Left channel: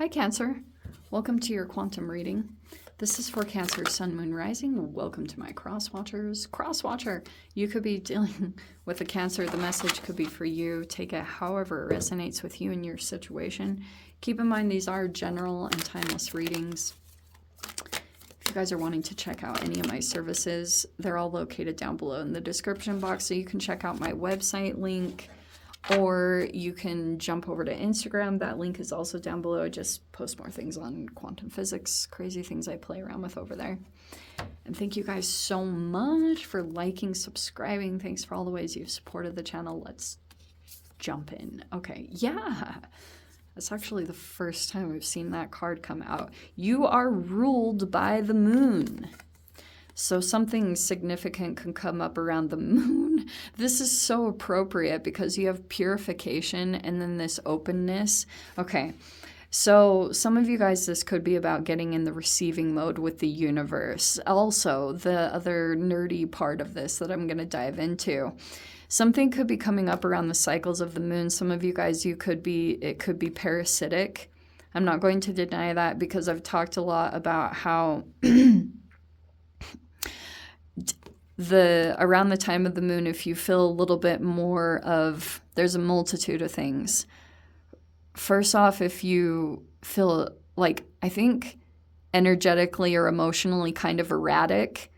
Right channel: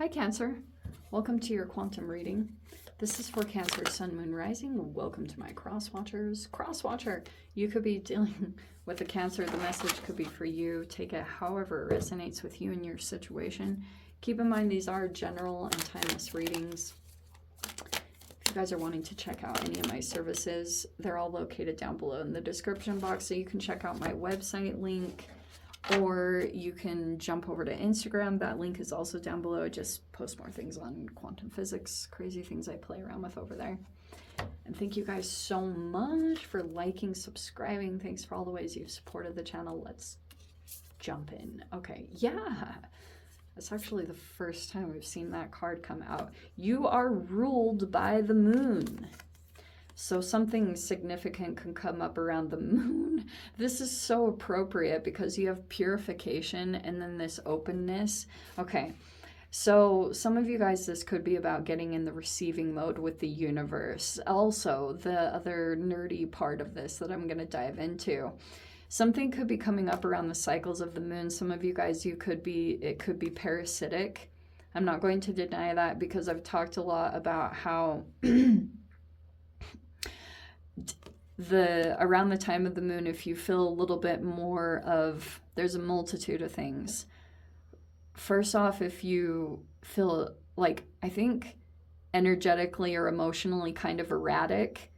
Hi Cancer, welcome to your quantum reading. This is for Cancer, Sun, Moon, Rising. Welcome to my cross watchers. Cross watcher, you could be dealing with a Cancer. The message could be for you. Take it however it resonates with you and your situation. Keep in mind these are general and timeless readings. If you guys are wanting to check out any of my services, they're all located down below in the description box, so you can check out my website link. Or you can jump over to Instagram. That link is also down below. I just post more things on quantum physics, crazy things I play around with over there. And thank you guys so much for liking, subscribing. Thanks for all the ways you've supported the channel. Let's jump in. Okay, yeah. That's actually the first time we've seen that card come out. You are ruled by the moon. So something significant can come up around the moon. This is so appropriate because you have purification and then this openness. Okay, so some of you guys, this could be about getting in the receiving mode with the universe. Also, the other nerdy part of this that I'm going to dive into. Something could be coming up around the cycles of the moon. Some of you guys, it could be parasitic. I'm not going to deny that because I've talked a lot about how... around the time of the moon, if you feel a little bit more of, there's a multitude of things. First off, if you feel like, I think energetically or emotionally kind of erratic,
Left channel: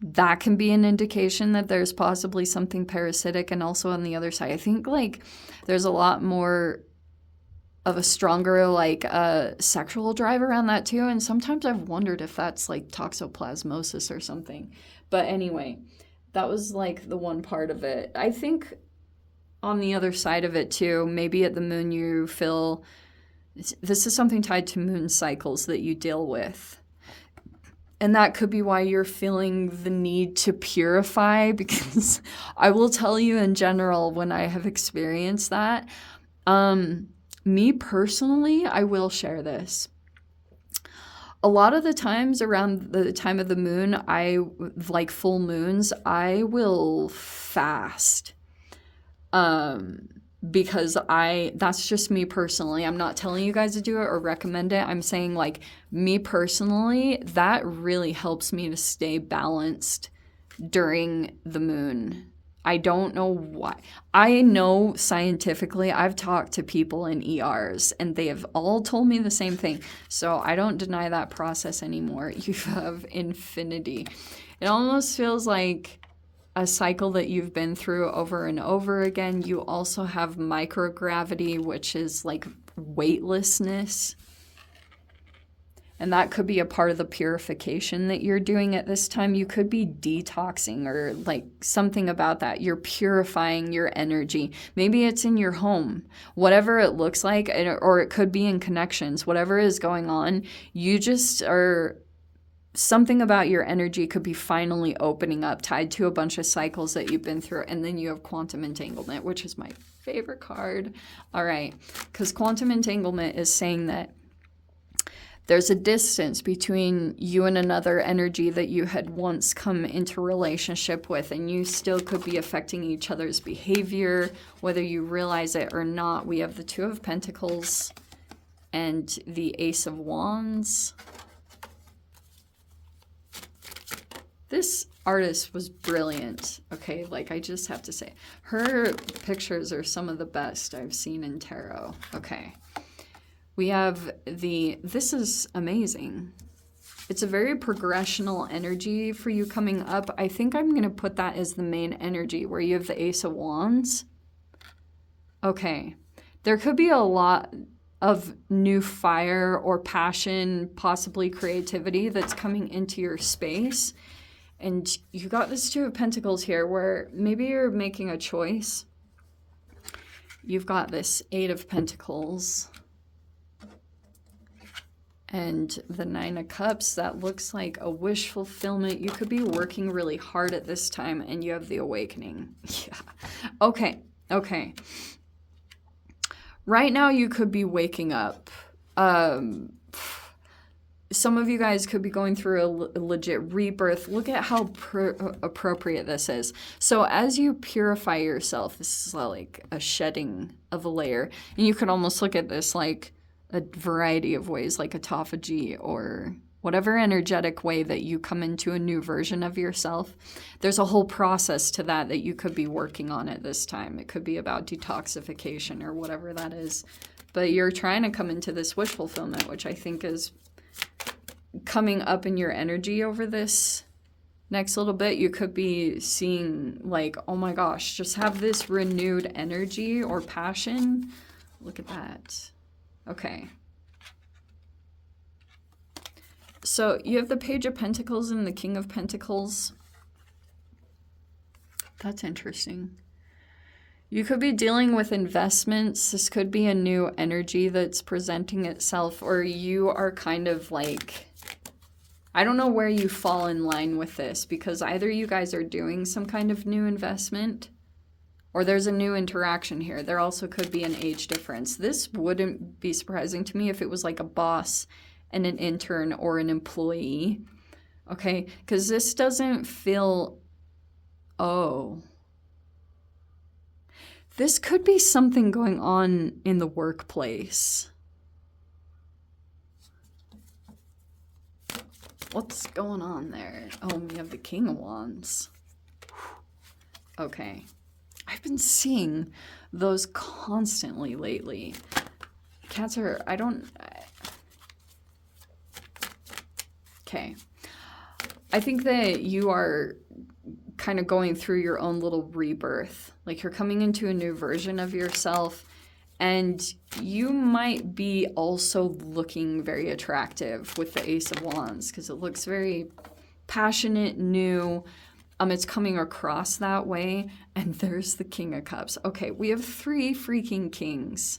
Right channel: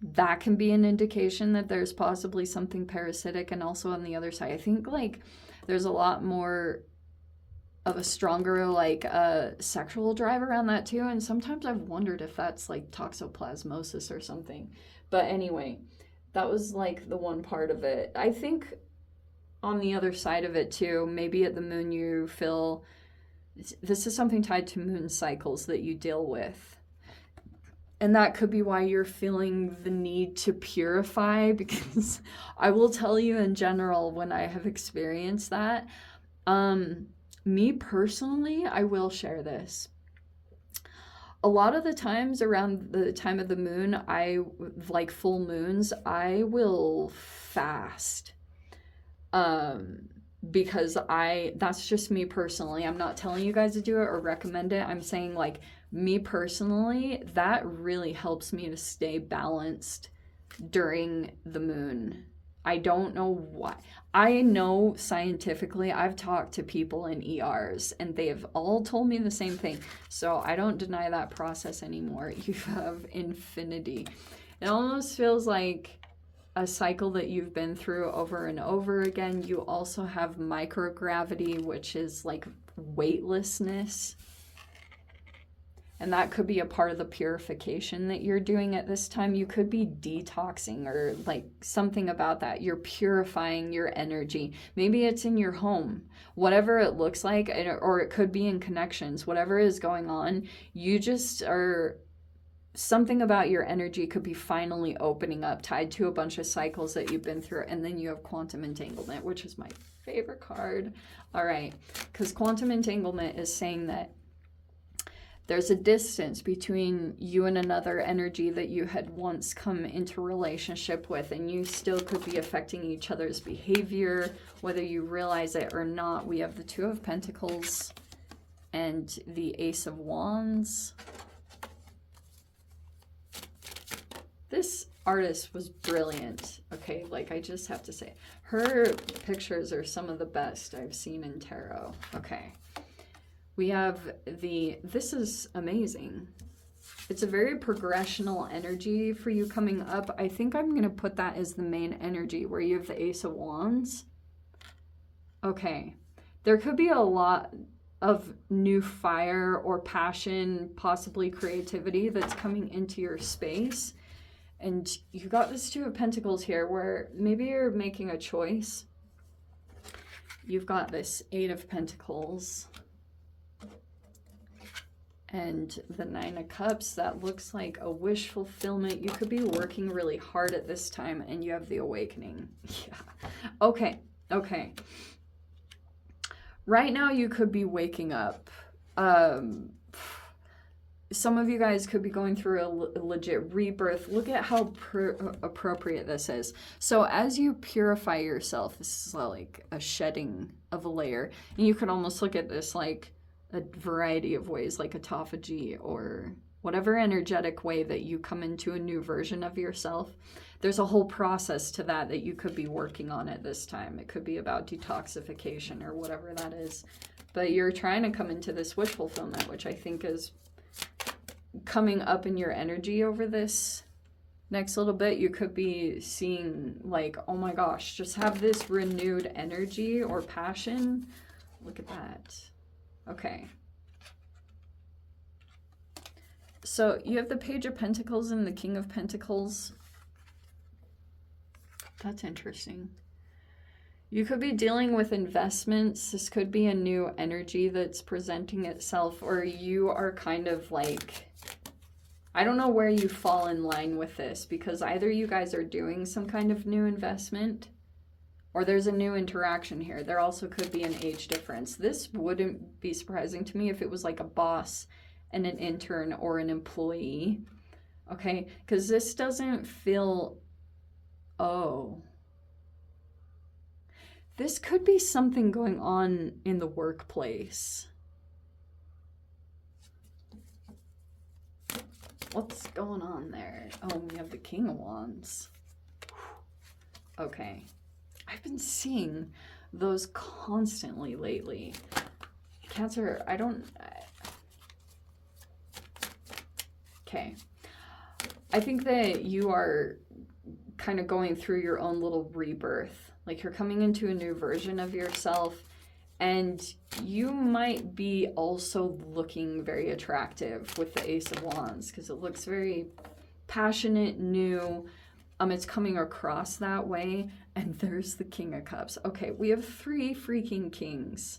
that can be an indication that there's possibly something parasitic. And also on the other side, I think like there's a lot more of a stronger like sexual drive around that too. And sometimes I've wondered if that's like toxoplasmosis or something. But anyway, that was like the one part of it. I think on the other side of it too, maybe at the moon you feel, this is something tied to moon cycles that you deal with. And that could be why you're feeling the need to purify, because I will tell you in general, when I have experienced that, me personally, I will share this. A lot of the times around the time of the moon, like full moons, I will fast. Because that's just me personally. I'm not telling you guys to do it or recommend it. I'm saying like me personally, that really helps me to stay balanced during the moon. I don't know why. I know scientifically, I've talked to people in ERs and they have all told me the same thing. So I don't deny that process anymore. You have infinity. It almost feels like a cycle that you've been through over and over again. You also have microgravity, which is like weightlessness. And that could be a part of the purification that you're doing at this time. You could be detoxing or like something about that. You're purifying your energy. Maybe it's in your home, whatever it looks like, or it could be in connections, whatever is going on. You just are, something about your energy could be finally opening up, tied to a bunch of cycles that you've been through. And then you have quantum entanglement, which is my favorite card. All right, because quantum entanglement is saying that there's a distance between you and another energy that you had once come into relationship with, and you still could be affecting each other's behavior, whether you realize it or not. We have the Two of Pentacles and the Ace of Wands. This artist was brilliant, okay? Like, I just have to say, her pictures are some of the best I've seen in tarot. Okay. We have this is amazing. It's a very progressional energy for you coming up. I think I'm going to put that as the main energy where you have the Ace of Wands. Okay. There could be a lot of new fire or passion, possibly creativity that's coming into your space. And you got this Two of Pentacles here where maybe you're making a choice. You've got this Eight of Pentacles. And the Nine of Cups, that looks like a wish fulfillment. You could be working really hard at this time, and you have the Awakening. Yeah. Okay. Okay. Right now, you could be waking up. Some of you guys could be going through a legit rebirth. Look at how appropriate this is. So as you purify yourself, this is like a shedding of a layer. And you can almost look at this like a variety of ways, like autophagy or whatever energetic way that you come into a new version of yourself. There's a whole process to that that you could be working on at this time. It could be about detoxification or whatever that is. But you're trying to come into this wish fulfillment, which I think is coming up in your energy over this next little bit. You could be seeing like, oh my gosh, just have this renewed energy or passion. Look at that. Okay. So you have the Page of Pentacles and the King of Pentacles. That's interesting. You could be dealing with investments. This could be a new energy that's presenting itself, or you are kind of like, I don't know where you fall in line with this, because either you guys are doing some kind of new investment or there's a new interaction here. There also could be an age difference. This wouldn't be surprising to me if it was like a boss and an intern or an employee. Okay, because this doesn't feel, oh. This could be something going on in the workplace. What's going on there? Oh, we have the King of Wands. Okay. I've been seeing those constantly lately. Cancer, okay. I think that you are kind of going through your own little rebirth. Like you're coming into a new version of yourself, and you might be also looking very attractive with the Ace of Wands, because it looks very passionate, new. It's coming across that way. And there's the King of Cups. Okay, we have 3 freaking kings.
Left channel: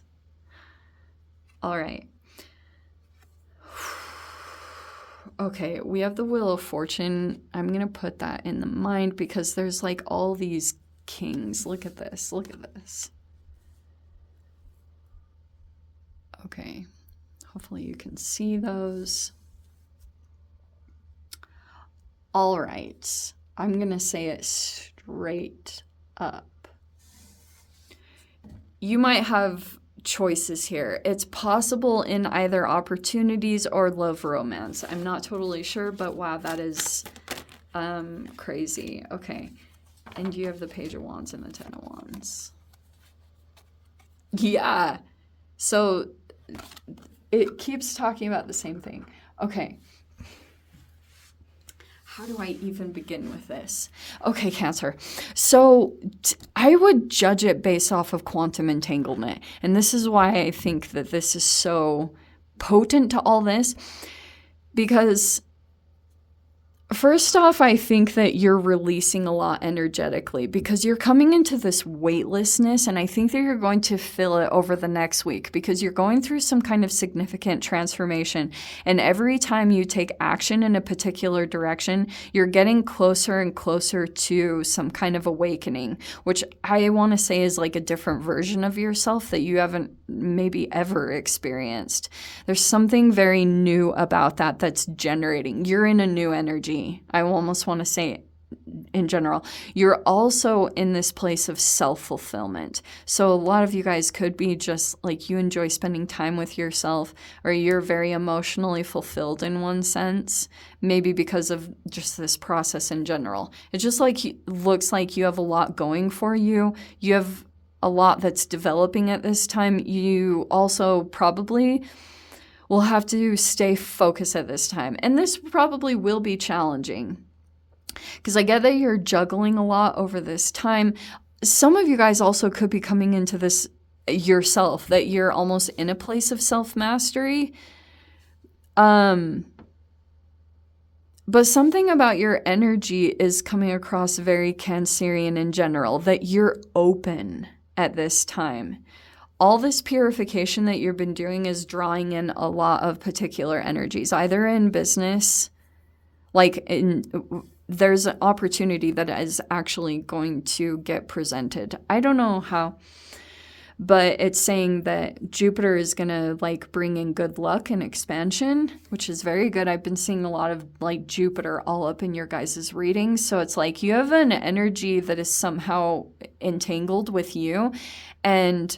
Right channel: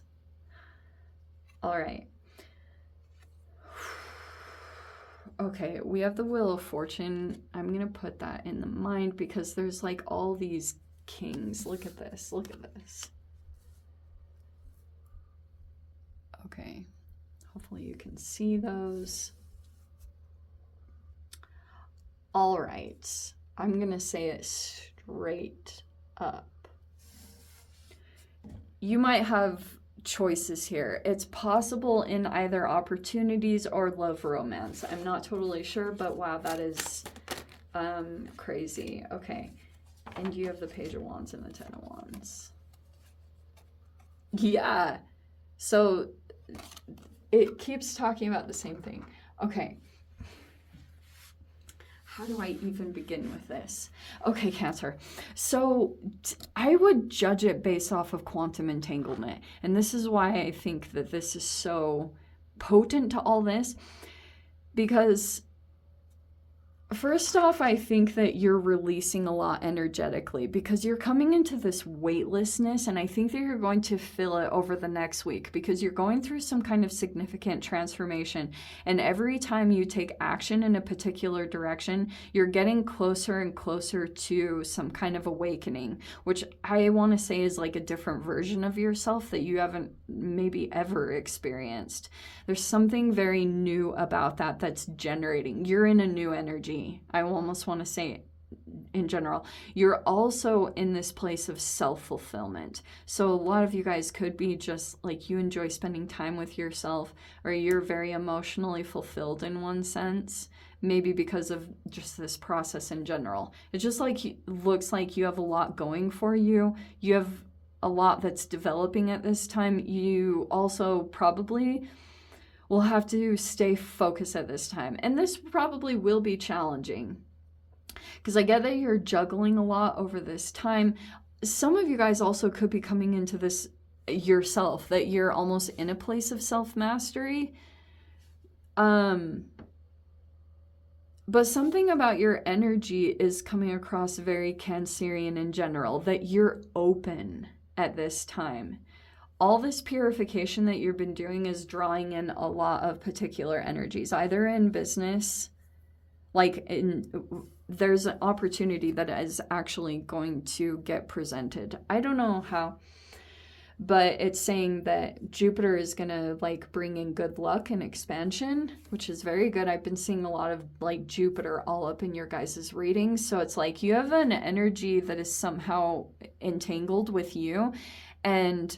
All right. Okay, we have the Wheel of Fortune. I'm going to put that in the mind because there's like all these kings. Look at this. Look at this. Okay, hopefully you can see those. All right, I'm going to say it straight up. You might have choices here. It's possible in either opportunities or love romance. I'm not totally sure, but wow, that is crazy. Okay, and you have the Page of Wands and the Ten of Wands. Yeah, so it keeps talking about the same thing. Okay. How do I even begin with this? Okay, Cancer. So I would judge it based off of quantum entanglement. And this is why I think that this is so potent to all this. Because first off, I think that you're releasing a lot energetically because you're coming into this weightlessness, and I think that you're going to feel it over the next week because you're going through some kind of significant transformation. And every time you take action in a particular direction, you're getting closer and closer to some kind of awakening, which I want to say is like a different version of yourself that you haven't maybe ever experienced. There's something very new about that that's generating. You're in a new energy. I almost want to say in general. You're also in this place of self-fulfillment. So a lot of you guys could be just like you enjoy spending time with yourself, or you're very emotionally fulfilled in one sense, maybe because of just this process in general. It just like looks like you have a lot going for you. You have a lot that's developing at this time. You also probably will have to stay focused at this time. And this probably will be challenging because I get that you're juggling a lot over this time. Some of you guys also could be coming into this yourself, that you're almost in a place of self-mastery. But something about your energy is coming across very Cancerian in general, that you're open at this time. All this purification that you've been doing is drawing in a lot of particular energies, either in business, there's an opportunity that is actually going to get presented. I don't know how, but it's saying that Jupiter is going to bring in good luck and expansion, which is very good. I've been seeing a lot of Jupiter all up in your guys' readings. So it's like you have an energy that is somehow entangled with you, and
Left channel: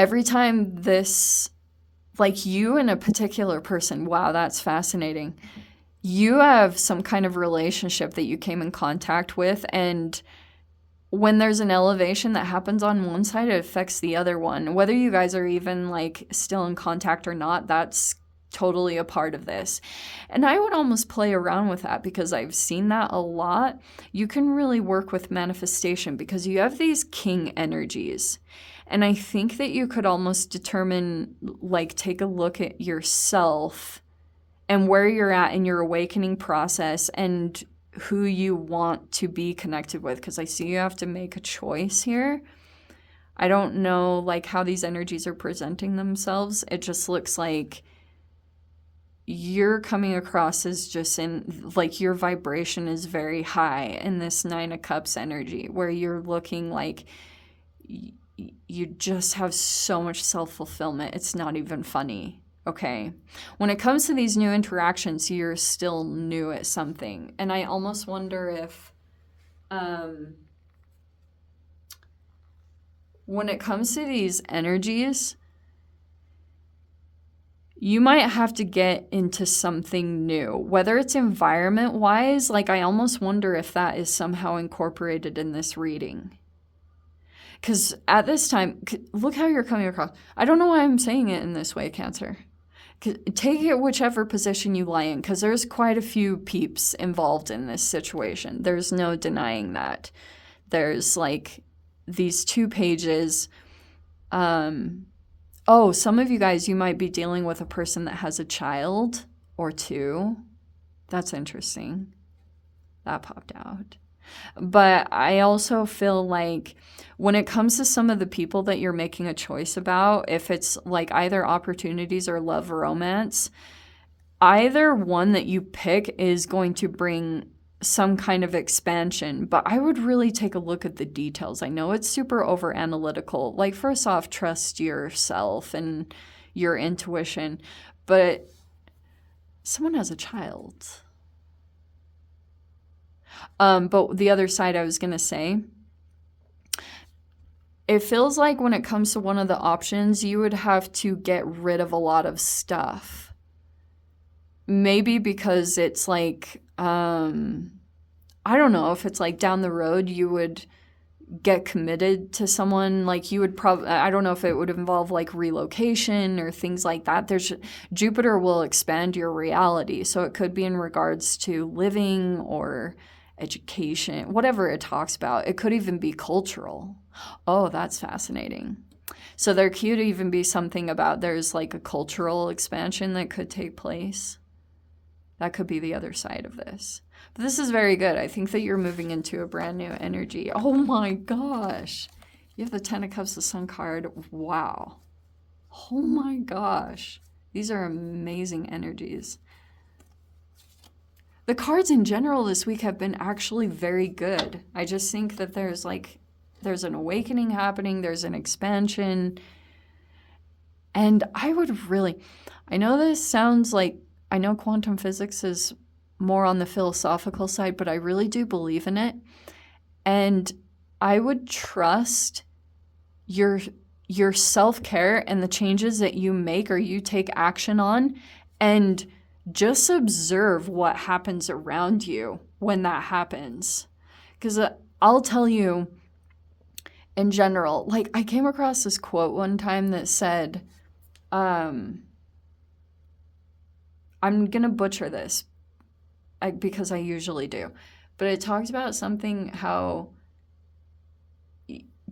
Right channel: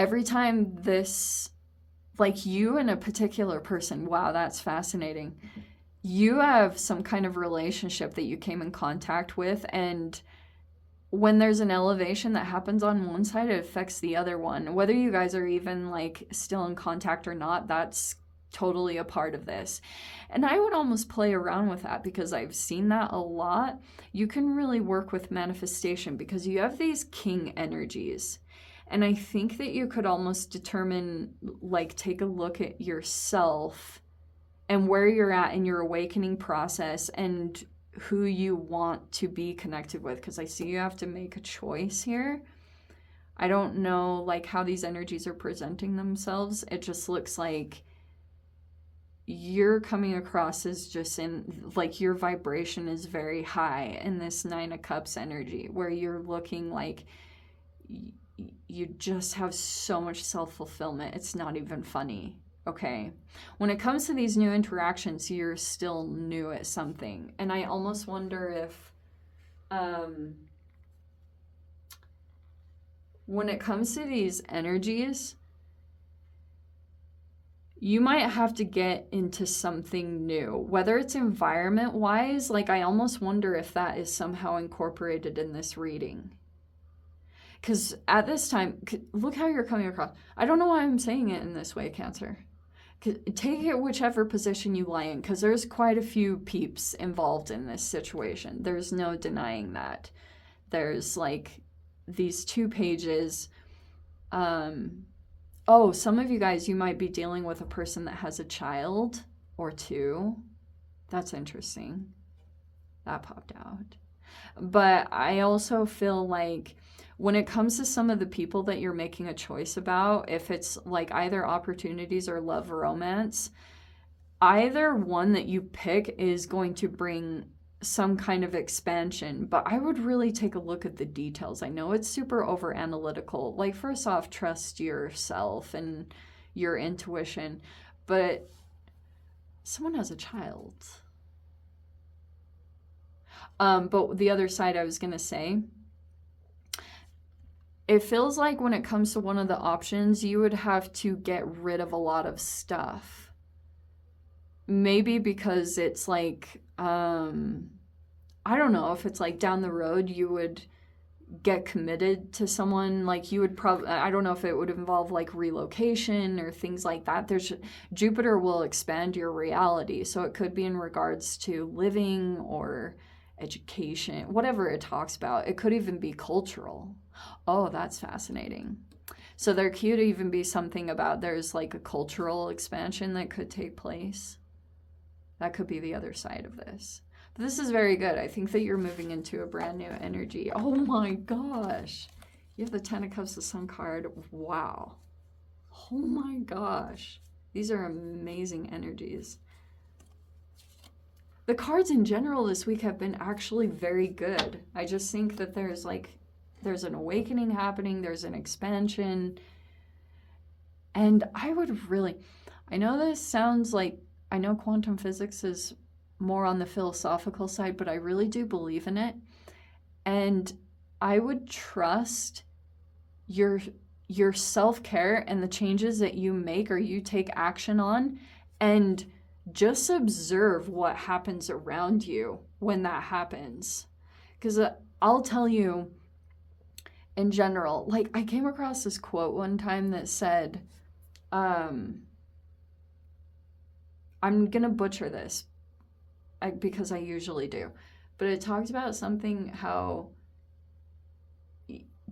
every time this, like you and a particular person, wow, that's fascinating. You have some kind of relationship that you came in contact with, and when there's an elevation that happens on one side, it affects the other one. Whether you guys are even like still in contact or not, that's totally a part of this. And I would almost play around with that because I've seen that a lot. You can really work with manifestation because you have these king energies. And I think that you could almost determine, like, take a look at yourself and where you're at in your awakening process and who you want to be connected with, because I see you have to make a choice here. I don't know like how these energies are presenting themselves. It just looks like you're coming across as just in like your vibration is very high in this Nine of Cups energy, where you're looking like you just have so much self-fulfillment. It's not even funny. Okay. When it comes to these new interactions, you're still new at something. And I almost wonder if when it comes to these energies, you might have to get into something new, whether it's environment wise. Like, I almost wonder if that is somehow incorporated in this reading. Because at this time, look how you're coming across. I don't know why I'm saying it in this way, Cancer. Take it whichever position you lie in, because there's quite a few peeps involved in this situation. There's no denying that. There's like these 2 pages. Oh, some of you guys, you might be dealing with a person that has a child or 2. That's interesting. That popped out. But I also feel like when it comes to some of the people that you're making a choice about, if it's like either opportunities or love or romance, either one that you pick is going to bring some kind of expansion. But I would really take a look at the details. I know it's super over analytical. Like, first off, trust yourself and your intuition. But someone has a child. But the other side I was going to say, it feels like when it comes to one of the options, you would have to get rid of a lot of stuff. Maybe because it's like, I don't know if it's like down the road you would get committed to someone, like you would probably, I don't know if it would involve like relocation or things like that. There's Jupiter will expand your reality. So it could be in regards to living or education, whatever it talks about. It could even be cultural. Oh, that's fascinating. So there could even be something about there's like a cultural expansion that could take place. That could be the other side of this. But this is very good. I think that you're moving into a brand new energy. Oh my gosh. You have the 10 of Cups, the Sun card. Wow. Oh my gosh. These are amazing energies. The cards in general this week have been actually very good. I just think that there's an awakening happening. There's an expansion. And I know this sounds like, I know quantum physics is more on the philosophical side, but I really do believe in it. And I would trust your self-care and the changes that you make or you take action on, and just observe what happens around you when that happens. Because I'll tell you, in general, like I came across this quote one time that said, I'm going to butcher this because I usually do, but it talks about something how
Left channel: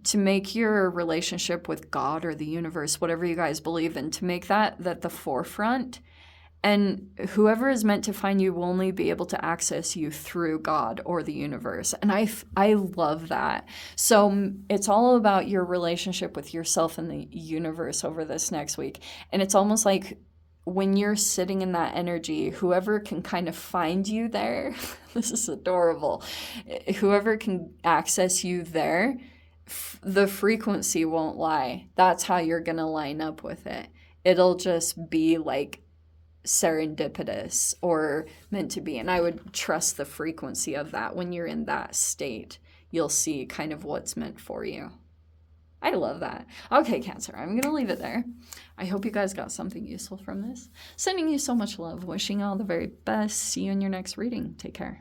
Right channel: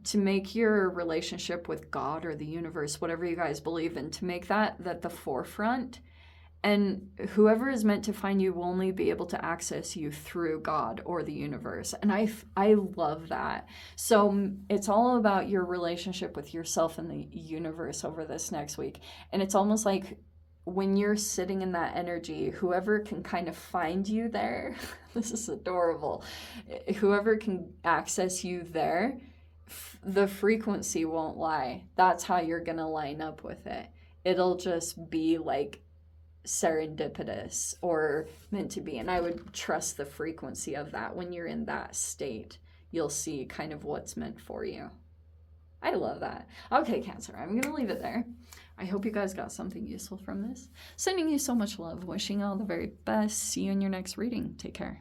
to make your relationship with God or the universe, whatever you guys believe in, to make that the forefront. And whoever is meant to find you will only be able to access you through God or the universe. And I love that. So it's all about your relationship with yourself and the universe over this next week. And it's almost like when you're sitting in that energy, whoever can kind of find you there, this is adorable, whoever can access you there, the frequency won't lie. That's how you're going to line up with it. It'll just be like serendipitous or meant to be. And I would trust the frequency of that. When you're in that state, you'll see kind of what's meant for you. I love that. Okay, Cancer, I'm going to leave it there. I hope you guys got something useful from this. Sending you so much love. Wishing you all the very best. See you in your next reading. Take care.